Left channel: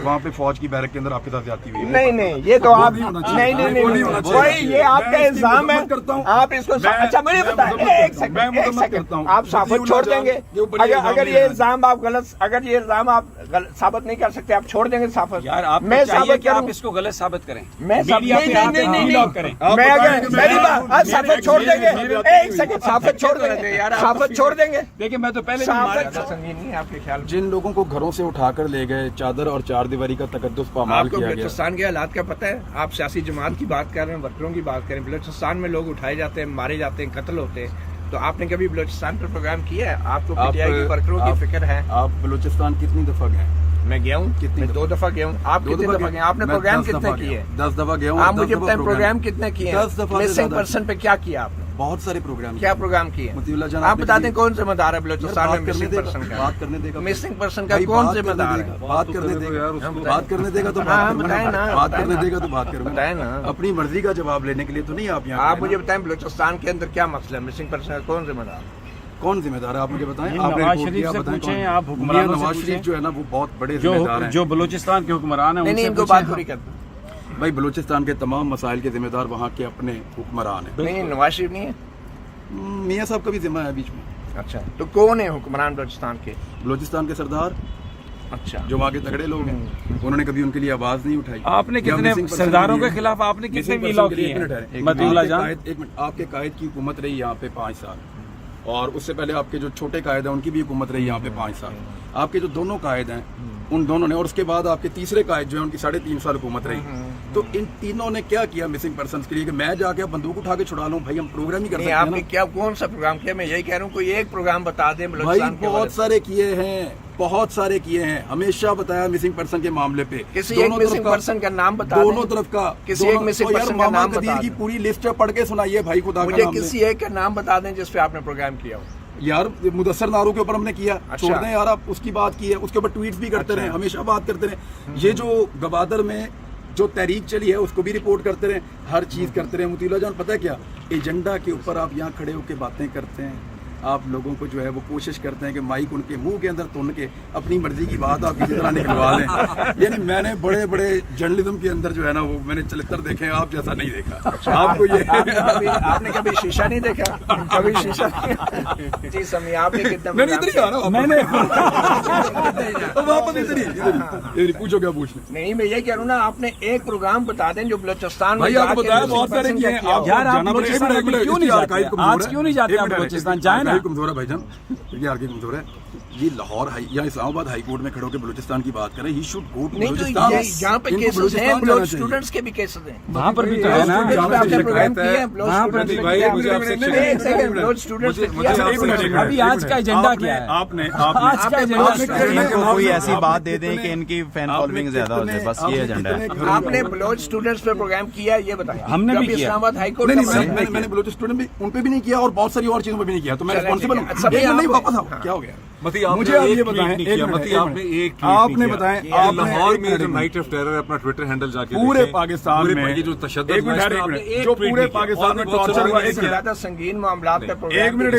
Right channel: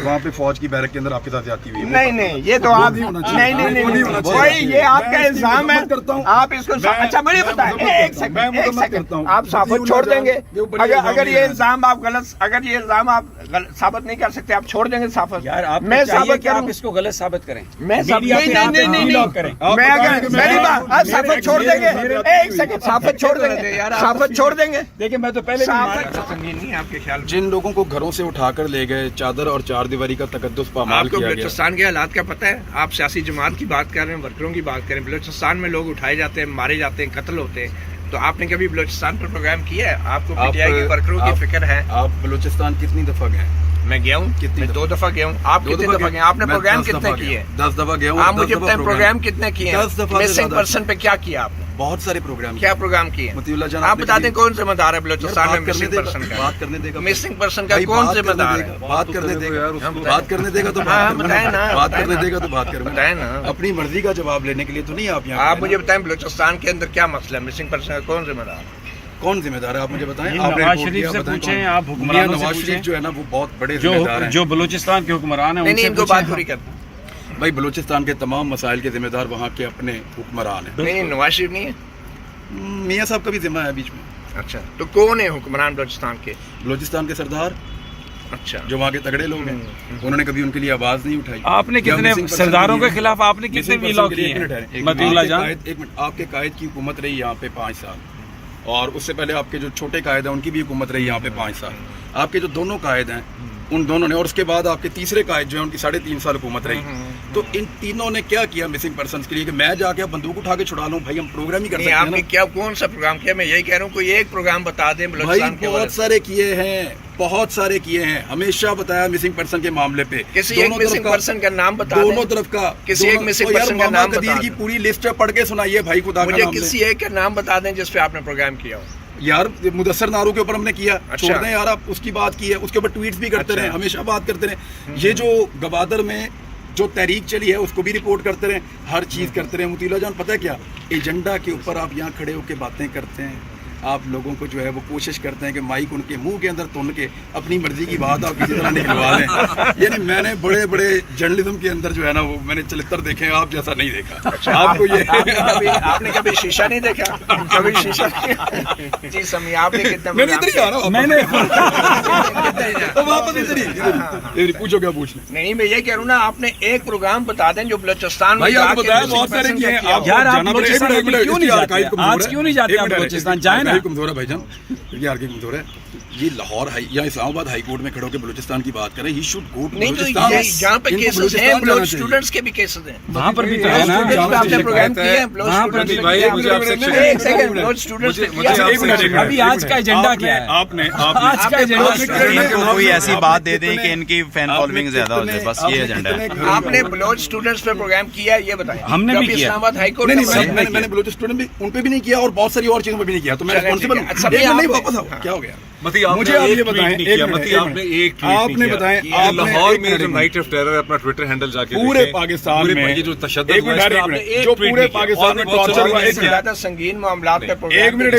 वहाँ पे फौज की बैरक के अंदर आपके साथ जाती हुई है। नहीं नहीं, ये तो आप नहीं, वही ये आपका इल्जाम है। आप इसको अच्छा मुझे बताइए, एक सेकंड, आप साबित छोड़ देंगे? अगर ये इल्जाम आप गलत, अगर ये इल्जाम आप साबित नहीं कर सकते, आप छोड़ देंगे साबित? यार आप मैं साबित आप इसको गलत साबित करें, मैं साबित छोड़ देंगे? एक सेकंड, साबित छोड़ देंगे, साबित छोड़ देंगे? देखिए मैं तो पहले नहीं आपके ख्याल जिन लोगों को घरों से उठाकर ले गए, चादर और चार दीवारी का तकद्दुस पामाल आपको किया गया। बलूचिस्तान के हालात का पता है? आप सियासी जमात की बात कर रहे हैं, वर्करों की बात करें। बलूचिस्तान में लोग उठाए जाते हैं, मारे जाते हैं, कत्ल होते हैं। तो आपने कभी बलूचिस्तान पर प्रोग्राम किया है? आपको पीटीआई के वर्करों की फिक्र है? आप बलूचिस्तान कितनी दफा गए? मैं गया हूँ, कितनी? 2 दफा गया हूँ। आप कितनी दफा गए? आपने प्रोग्राम कितने किए? 10 दफा गया हूँ। आप मुझे बताएं प्रोग्राम कितने किए? 10 दफा। मिसिंग पर्सन पे क्या किया आपने? बहुत सारे प्रोग्राम। क्या प्रोग्राम किए? मतीउल्लाह जान, आप बता दें कौन जिम्मेदार है बलूचिस्तान में मिसिंग पर्सन का? बात करने देगा। मिसिंग पर्सन का कौन जिम्मेदार है? बात करने देगा, बात करने देगा तो बात करूंगा, बात करने देगा तो बात करूंगा। बताए ना, अपनी मर्जी का जवाब लेने के लिए तो नहीं आप यहाँ। आप मुझे बताएं बलूचिस्तान के अंदर क्या मसला है? मिसिंग पर्सन का कौन जिम्मेदार है? कौन जिम्मेदार है? आप मुझे बताएं। नवाज शरीफ से पूछें, आप हुक्मरानों से नवाज शरीफ पूछें जो है ना वो बहुत बड़े जिम्मेदार हैं। जो बलूचिस्तान के हुक्मरान हैं नहीं, उनसे इनको बात पूरी पूछें। कर। भाई बलूचिस्तान के तमाम मसाइल के जिम्मेदार वहाँ के अपने हुक्मरान हैं। नहीं, नवाज शरीफ नहीं है। मियाँ साहब का भी जिम्मा है बीच में। अच्छा, तो कौन है हुक्मरान बलूचिस्तान के? बलूचिस्तान के सरदार, अच्छा, जो वहाँ के तगड़े लोग हैं, उन्होंने कभी उनके लिए आवाज नहीं उठाई। आपने कितने सरदारों के खिलाफ आपने कितने वीलॉग किए हैं? मतीउल्लाह जान, एक मिनट, आपके कायद की हुकूमत रही यहाँ पे 5 साल, और उससे पहले आपके जो छोटे कायद हैं उनकी भी हुकूमत रही यहाँ पे 5 साल। आपके जो दोनों कायद हैं उन दोनों ने, और उसके बाद आपके तीसरे कायद जो है उनकी 3.5 साल हुकूमत रही। तो इन तीनों ने क्या किया मिसिंग पर्सन के लिए कि मैं जाके बंदूक उठा के छुड़ा लूं? भाई हम प्रोग्राम ही कर सकते हैं आपने ना। क्या कौन सा प्रोग्राम किया? मैं यही कह रहा हूँ, कोई एक प्रोग्राम बता दें भाई बलूचिस्तान के बहुत सारे किए हैं, बहुत सारे किए हैं। हमेशा बताया मिसिंग पर्सन के मामले पे। किसी एक मिसिंग पर्सन का नाम बता दें। दोनों तरफ का किसी एक मिसिंग पर्सन का नाम कदीर बता की दें। पूरी लिस्ट पढ़ के सुनाइए भाई खुदा का मुझे नाम किसी एक का नाम बता दें जिस पे आपने प्रोग्राम किया हो। यार मुदस्सर नारू के ऊपर हमने किया। अच्छा। छोड़ दें यार, आप उसकी बात की है, उसके ऊपर ट्वीट्स भी करते रहे, हमेशा बात करते रहे। ये जो गवादर में जो तहरीक चली है उसको भी रिपोर्ट करते रहे, हर चीज करते रहे। मतीउल्लाह जान पता है क्या, एजेंडा के ऊपर आप यहाँ खड़े होकर बातें करते हैं, आप लोगों को जो है वो कोशिश करते हैं कि माइक उनके मुंह के अंदर तुन के अपनी मर्जी की बात आप किसी तरह निकलवा लें। यानी मैंने बड़े बड़े जर्नलिज्म के अंदर जो है ना वो मैंने चरित्र देखे हैं, आप जैसा नहीं देखा। आपको ये आपने कभी शीशा नहीं देखा? कभी शीशा? जी समी, आपने कितना मैंने इधर ही आ रहा हूँ, मैंने वापस इधर ही पूछो क्या पूछना। नहीं, मैं ये कह रहा हूँ ना, आपने एक प्रोग्राम बता दें जो बलूचिस्तान में भाई आपको बताया बहुत सारे किए हैं। आप यार आप जाना पड़ेगा। बलूचिस्तान एक मिनट, क्यों नहीं इसकी जाते? आर्काइव कमजोर आज है। क्यों नहीं जाते एक आप मिनट, बलूचिस्तान? जाए ना। कमजोर है भाईजान, ये आर्काइव कमजोर है। ये लाहौर हाई या इस्लामाबाद हाई कोर्ट में खड़े होकर बलूचिस्तान की बात करें। ही शुड गो टू नहीं, तो बलूचिस्तान। जहाँ पे इनको केसेस हैं बलूचिस्तान जाना बलूच चाहिए। स्टूडेंट्स के भी केसेस हैं। वहाँ पर भी तो है ना। आपने प्रोग्राम किया है वहाँ पर भी भाई, एक सेकंड, बलूच स्टूडेंट्स पे किया। अभी आज का एजेंडा क्या है? आपने आज का एजेंडा इनको कोई ऐसी बात दे दें कि इनकी फैन फॉलोइंग ज्यादा हो जाए, बस ये एजेंडा है। आपने बलूच स्टूडेंट्स पे प्रोग्राम किया है, ये बताएं। हमने भी कभी किया। इस्लामाबाद हाई कोर्ट नहीं, मैंने बलूच स्टूडेंट भी उन पे भी नहीं किया और बहुत सारी और चीजों पे भी नहीं किया, तो मैं चलें, रिस्पॉन्सिबल ठीक है। हूँ। सभी एक मिनट, नहीं आपको- वापस आओ, क्या हो गया? मती आपने मुझे आप एक ये ट्वीट बताएं, नहीं एक किया, मिनट, मती एक आपने मिनट। एक ट्वीट आपने नहीं किया। बताएं, ये आपने लाहौर एक में जो मिनट, नाइट ऑफ टेरर है, अपना ट्विटर हैंडल जाके पूरे देखें। पाकिस्तान पूरे में ये जो तशद्दुद एक मिनट, हुआ, एक आपने मिनट, एक जो ट्वीट पूरे नहीं किया। पाकिस्तान और में भी बहुत टॉर्चर सारे हुआ, लोग एक मिनट, ज्यादा संगीन मामलात पे प्रोग्राम एक मिनट,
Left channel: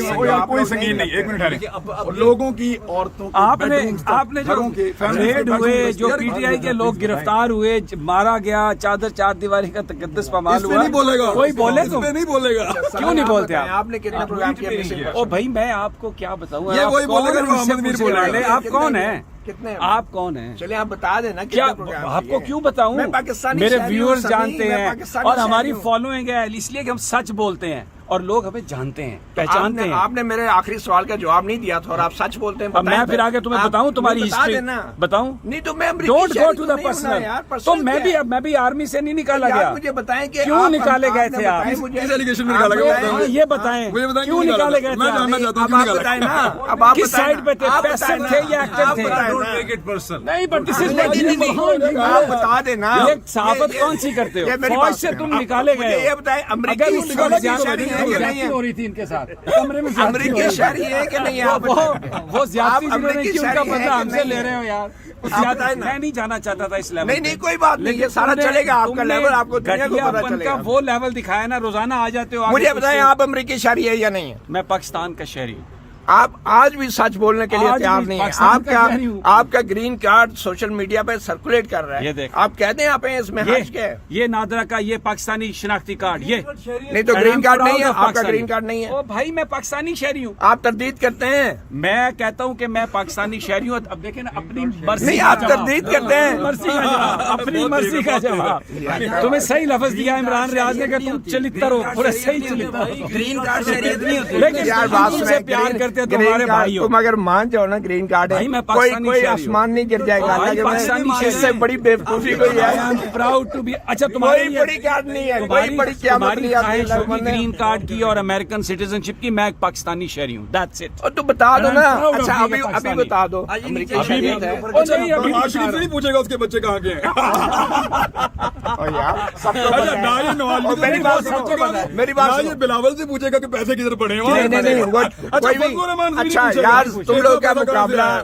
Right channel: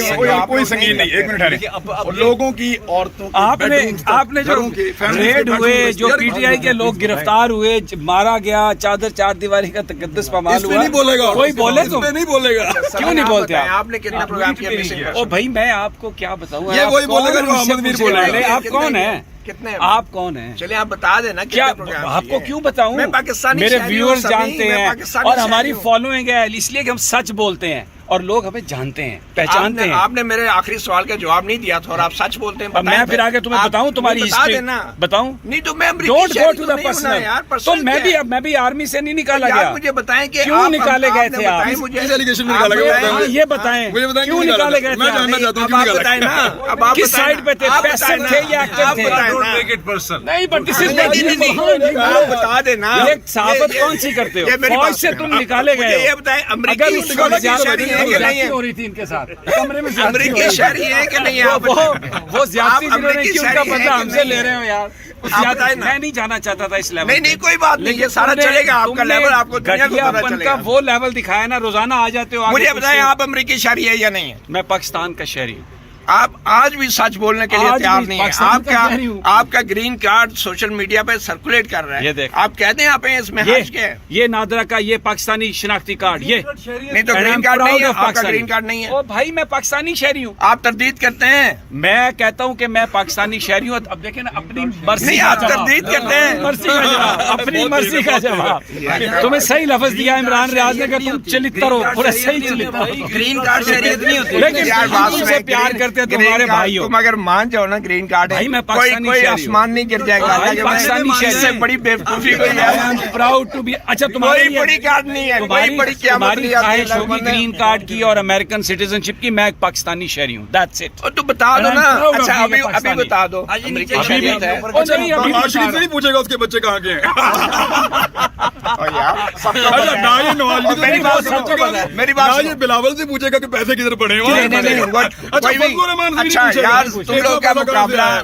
कोई संगीन नहीं, एक मिनट देखिए, अब है। लोगों की औरतों की आपने bedrooms तक, आपने जो घरों के, families रेड के हुए, bedrooms जो यार, पीटीआई के लोग गिरफ्तार हुए, मारा गया, चादर चार दीवारी का तकद्दुस पामाल इस पे हुआ, नहीं बोलेगा, कोई बोले इस तो पे नहीं बोलेगा। क्यों नहीं बोलते आप? आपने कितने प्रोग्राम किया मिसिंग ओ भाई मैं आपको क्या बताऊं? ये आप वही कौन बोलेगा हैं जो मुझसे अहमद मीर पूछने बोलेगा। वाले? आप कौन हैं? कितने? आप कौन हैं? चलिए आप बता देना क्या कितने प्रोग्राम आपको किए। क्यों बताऊं? मैं पाकिस्तानी मेरे शहरी हूं, व्यूअर्स सभी, जानते मैं हैं पाकिस्तानी और शहरी हमारी हूं। फॉलोइंग है, इसलिए कि हम सच बोलते हैं और लोग हमें जानते हैं, पहचानते हैं। आपने मेरे आखिरी सवाल का जवाब नहीं दिया था और आप सच बोलते हैं। अब मैं फिर आगे तुम्हें बताऊं तुम्हारी हिस्ट्री बताऊं? नहीं तो मैं don't go to the personal. तो मैं भी आर्मी से नहीं निकाला गया। मुझे बताएं कि क्यों निकाले गए थे आप? किस एलिगेशन में निकाला गया? ये बताएं, मुझे बताएं क्यों निकाले गए थे? मैं जानना चाहता हूँ क्यों निकाला गया? किस साइड पे थे? पैसिव थे या एक्टिव थे? नहीं, बट दिस इज बता देना। ये साबित कौन सी करते हो? फौज से तुम निकाले गए हो। ये बताएं, अगर उस वक्त ज्यादती ज्यादती हो रही थी इनके साथ कमरे में, अमरीकी शहरी है कि नहीं? वो ज्यादती आप जिन्होंने अमरीकी की उनका शहरी बदला हैं कि हमसे नहीं? ले रहे हो यार। मैं नहीं जाना चाहता था इस लेवल। नहीं कोई बात नहीं, ये सारा चलेगा आपका लेवल, आपको दुनिया को पता घटियापन चलेगा। का वो लेवल दिखाया ना, रोजाना आ जाते हो आगे मुझे पीछे। बताएं आप अमरीकी शहरी है या नहीं है? मैं पाकिस्तान का शहरी हूँ। آپ آج بھی سچ بولنے کے لیے آج تیار بھی نہیں پاکستان کا کہہ رہی ہے. ہوں. آپ کا گرین کارڈ سوشل میڈیا پہ سرکولیٹ کر رہا یہ ہے. دیکھ. آپ کہتے ہیں آپ اس میں یہ حج کے یہ نادرا کا یہ پاکستانی شناختی کارڈ یہ نہیں تو گرین کارڈ نہیں ہے. آپ کا گرین کارڈ نہیں ہے. او بھائی میں پاکستانی شہری ہوں. آپ تردید کرتے ہیں. میں کہتا ہوں کہ میں پاکستانی شہری ہوں. اب دیکھیں نا اپنی مرضی نہیں کا آپ جواب. تردید کرتے ہیں. مرضی کا جواب اپنی مرضی کا جواب. تمہیں صحیح لفظ دیا عمران ریاض نے کہ تم چلتر ہو. پورے صحیح چلتر ہو. گرین کارڈ شہریت نہیں ہوتی. لیکن ہم تم سے پیار کرتے ہیں تمہارے بھائی ہو. تم اگر مان جاؤ نا گرین کارڈ بھائی میں پاکستانی کوئی شہری ہوں. آسمان نہیں گر جائے گا. بھائی پاکستانی شہری سے بڑی بیوقوفی کوئی I am ہے. proud to be. اچھا تمہاری کوئی بڑی کارڈ نہیں ہے. کوئی بڑی تمہاری خواہش ہوگی گرین کارڈ کی اور امریکن سٹیزن شپ کی. میں ایک پاکستانی شہری ہوں. That's it. تو بتا دو نا. اچھا ابھی بتا دو. امریکن شہریت ہے. او نہیں ابھی نواز شریف سے نہیں پوچھے گا اس کے بچے کہاں کے ہیں. اچھا نہ یہ نواز شریف میری بات سنو. میری بات نہ سنو. یہ بلاول سے پوچھے گا کہ پیسے کدھر پڑے ہیں. اچھا فضل الرحمان سے اچھا نہیں یار پوچھے تم گا لوگ کا مقابلہ ہے.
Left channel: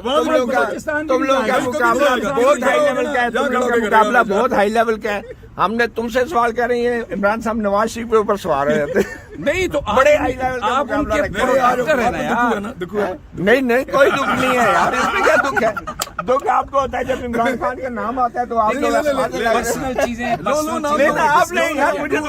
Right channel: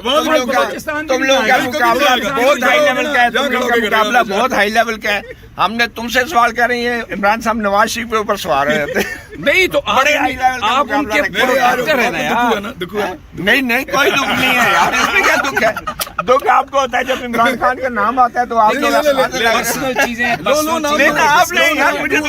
تم لوگ کا مقابلہ بہت ہائی لیول کا ہے. تم لوگ کا مقابلہ بہت ہائی لیول کا ہے. ہم نے تم سے سوال کر رہی ہیں. عمران صاحب نواز شریف کے اوپر سوال رہے تھے. نہیں تو بڑے high level کا آپ ان کے مقابلہ پروڈکٹر ہیں نا یار. نہیں کوئی دکھ نہیں ہے یار. اس میں کیا دکھ ہے. دکھ آپ کو ہوتا ہے جب عمران خان کا نام آتا ہے تو آپ لوگ پرسنل چیزیں آپ نہیں یار مجھے تو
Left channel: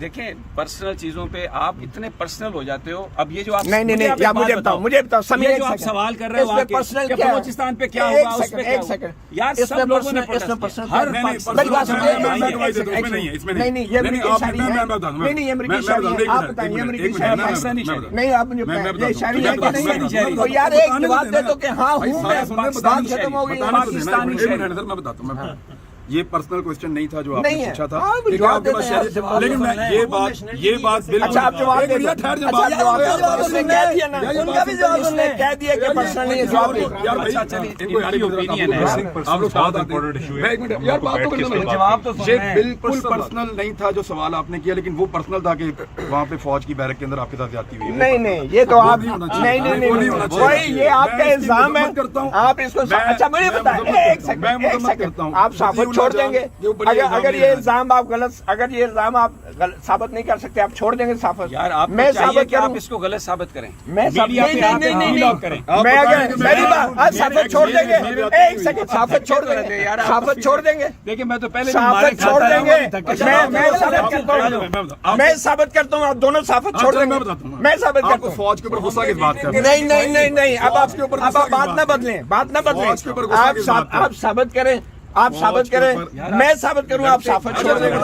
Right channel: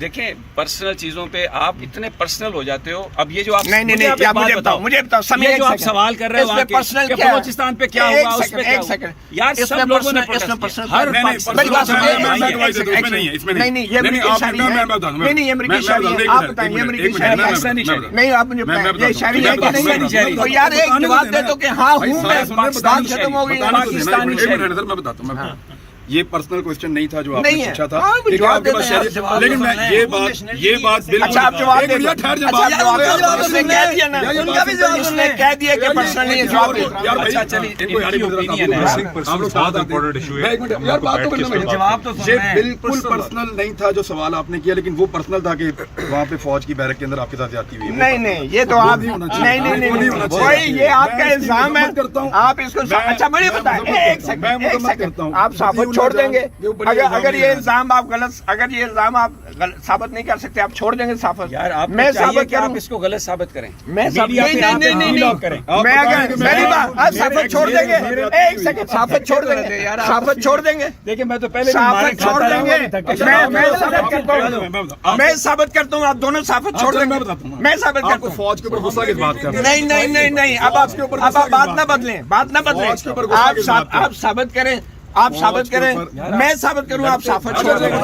دیکھیں پرسنل چیزوں پہ آپ اتنے پرسنل ہو جاتے ہو. اب یہ جو آپ مجھے بتاؤ. مجھے بتاؤ یہ جو آپ سوال کر رہے ہو پرسنل کہ کیا بلوچستان پہ کیا ہوا اس پہ کیا ہوا. یار سب لوگوں نے ہر نہیں آپ مجھے یہ شہری ہے کہ نہیں. تو یار ایک جواب دے دو کہ ہاں ہوں میں. بات ختم ہو گئی. میں بتاتا ہوں. یہ پرسنل کوشچن نہیں تھا جو آپ نے نہیں ہے. پوچھا تھا. ہاں، وہ لیکن جواب آپ کے پاس دیتے ہیں. شہری- لیکن میں یہ بات بالکل اچھا آپ جواب دے دو. ٹھہر جا. اچھا، جواب دے دو. اس نے کہہ دیا نا. اس نے کہہ دیا کہ پرسنل نہیں ہے. جواب دے دو. یار بھائی آپ لوگ بات آتے ہیں. یار بات تو کرنا. جواب تو یہ بالکل پرسنل نہیں تھا جو سوال آپ نے کیا. لیکن وہ پرسنل تھا کہ وہاں پہ فوج کی بیرک کے اندر آپ کے ساتھ جاتی ہوئی. نہیں یہ تو آپ نہیں وہی یہ آپ کا الزام ہے. آپ اس کو اچھا مجھے بتائیں. ایک سیکنڈ آپ صحافت چھوڑ دیں گے. اگر یہ الزام آپ غلط اگر یہ الزام آپ ثابت نہیں کر سکتے آپ چھوڑ دیں گے صحافت. یار آپ میں ثابت آپ کروں. اس کو غلط ثابت کریں. میں میری بات آپ صحافت چھوڑ دیں گے. ایک سیکنڈ صحافت چھوڑ دیں گے. صحافت چھوڑ دیں گے. دیکھیں میں تو پہلے صحافت چھوڑ دیں گے. میں ثابت کرتا ہوں. آپ دونوں صحافت چھوڑ دیں گے. میں ثابت کرتا ہوں. فوج کے اوپر غصہ کس بات کا؟ نہیں اب آپ کے اوپر بات نہ بدلیں. بات نہ بدلیں. آپ ثابت کریں. آپ ثابت کریں. میں ثابت کروں. آپ صحافت چھوڑ دیں گے.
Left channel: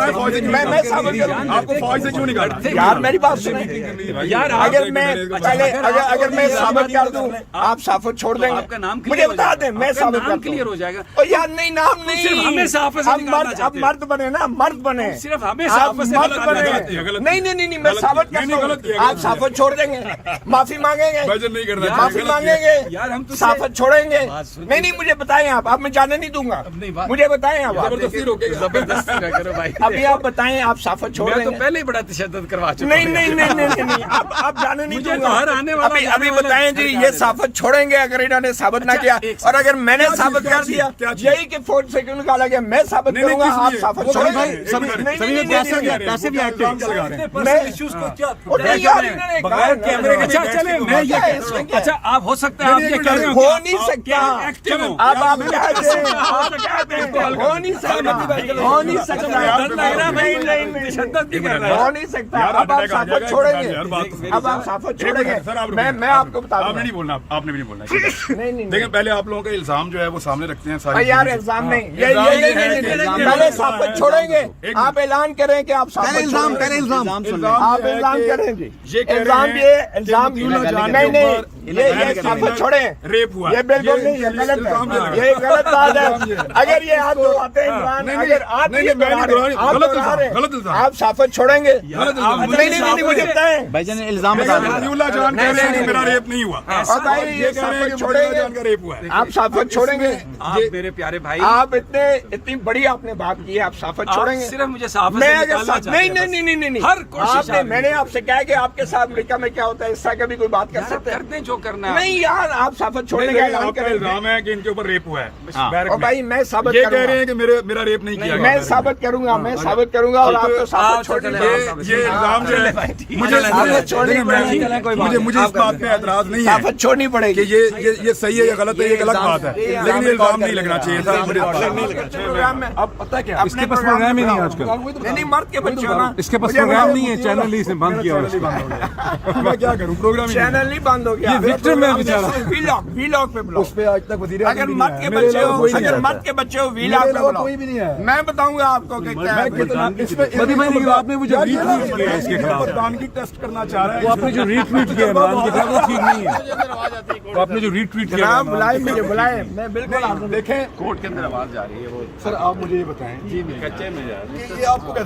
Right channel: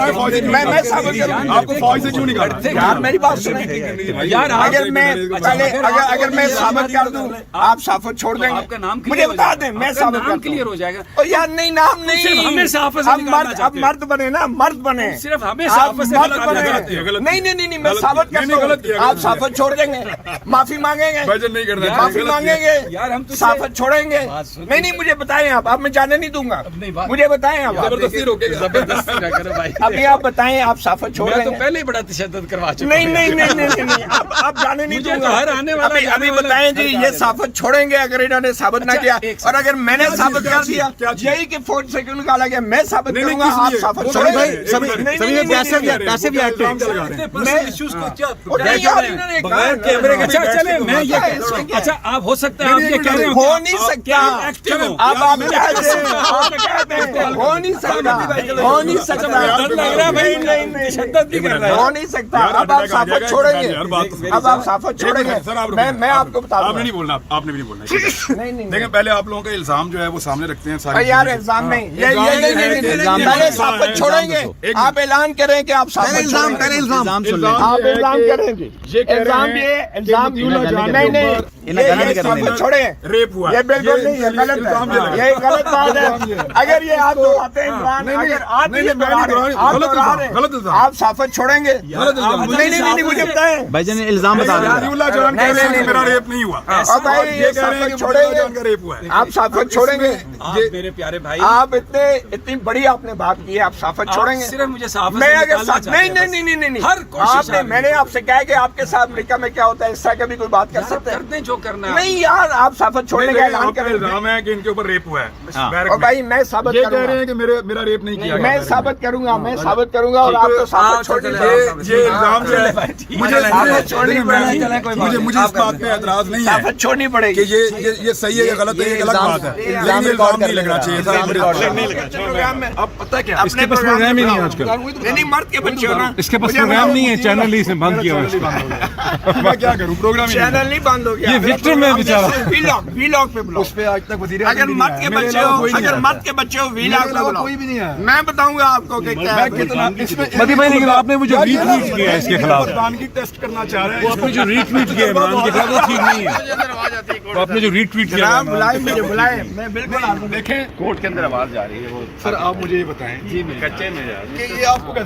میں ثابت کروں. آپ کو فوج سے کیوں نہیں کاٹا؟ یار میری بات سنیں. اگر میں ثابت کر دوں آپ صحافت چھوڑ دیں آپ کا نام گے. مجھے بتا دیں. میں ثابت نام کلیئر ہو جائے گا. یار نہیں نام صرف ہمیں نہیں. صحافت سے نکالنا چاہتے اب مرد بنے نا. مرد بنے. صرف ہمیں آپ صحافت سے مرد نکالنا بنے. چاہتے ہیں. نہیں میں ثابت کرتا ہوں. آپ صحافت چھوڑ دیں گے. معافی مانگیں گے. نہیں کرنا. معافی مانگیں گے. یار ہم تو صحافت چھوڑیں گے. نہیں مجھے بتائیں. آپ میں جانے نہیں دوں گا. مجھے بتائیں. آپ زبردستی روکے گا. زبردستی نہ کرو بھائی. ابھی آپ بتائیں. آپ صحافت چھوڑ میں دیں تو گے. پہلے ہی بڑا تشدد کروا چکا ہوں. نہیں آپ جانے نہیں مجھے دوں تو گا. ہر آنے والا ابھی جانے والا بتائیں جی یہ صحافت چھوڑیں گے اگر انہوں نے ثابت نہ کیا. اور اگر میں نے ثابت کر دیا یہی کہ فوج سے کیوں نکالا گیا میں ثابت کروں گا. آپ صحافت چھوڑیں گے. پیسے بھی اچھا چلے میں یہ اچھا آپ ہو سکتا ہے آپ یہ کر رہے ہو نہیں سکتا. اب آپ کہتے ہیں ہو نہیں سکتا. ہو نہیں سکتا. ہو نہیں سکتا. اب آپ صحافت چھوڑیں گے. اب آپ صحافت چھوڑیں گے. میں آپ کو بتا آپ دوں. نے نہیں بولنا. آپ نے بھی نہیں بولنا. نہیں لیکن پہلے آپ لوگوں کا الزام جو ہے وہ سامنے رکھتے ہیں. ساری یار الزام نہیں. پہلے صحافت چھوڑیں گے. آپ اعلان کریں کہ آپ صحافت چھوڑیں گے. آپ اعلان کریں گے. الزام یہ صحافت چھوڑیں. ریپ ہوا. یہ بالکل نہیں. یہ غلط ہے. یہ غلط بات ہے. اگر یہ آپ دہراتے ہیں اگر آپ یہ آپ صحافت چھوڑیں گے. نہیں مجھے بتائیں. الزام بتا میرا ریپ نہیں ہوا. آپ صحافت چھوڑیں گے. میرے پیارے بھائی آپ اتنی بڑی آپ نے بات کی ہے. آپ صحافت چھوڑیں گے. صرف مجھے صحافت سے نکالنا چاہتے ہیں. نہیں ہر کوشش میں نے آپ سے کہا کہ آپ کے ساتھ امریکہ میں کیا ہوتا ہے اس طرح کا بھی کوئی بات کر سکتے ہیں. جو کرنا ہے نہیں یار آپ صحافت چھوڑنے کا اعلان کریں. الزام ہے کہ ان کے اوپر ریپ ہوا ہے. اور بھائی میں صحافت साबित ये कह करूंगा। रहे हैं कि मेरा रेप नहीं किया मैं साबित करूंगा और आप तो साबित छोड़ ये इल्जाम जो है मुझे इस बात पे एतराज नहीं है छोड़नी पड़ेगी कि ये सही है या गलत है, ये गलत बात है, लेकिन ये इल्जाम नहीं लगना चाहिए था प्रोग्राम में अब पता क्या अपने प्रोग्राम ही नहीं आजकल नहीं मर्द के बच्चे हो ना इसके पास प्रोग्राम नहीं है, चैनल ही इसने बंद किया हुआ है। मैं क्या करूं, प्रोग्राम ही नहीं। चैनल नहीं बंद हो गया ये विक्टिम है बेचारा। वीलॉग पे बुलाओ उस पे आज तक वजीर अगर मर्द के बच्चे हो वीलॉग पे बुलाओ कोई भी नहीं है। मैं बताऊंगा आपको कि क्या है आपने मुझे रीट्वीट किया है इसके खिलाफ, प्रधानगी टेस्ट करना चाह रहा है। वो आपने जो रीट्वीट किया इमरान के खिलाफ वो ठीक नहीं है। वो आपने जो रीट्वीट किया जनाब बुलाए मुझे बुलाए मैं बिल्कुल आपको देखें कोर्ट के अंदर आवाज जा रही है वो सर आप मुझे ये बताएं कच्चे में यार कि ये आपको कैसे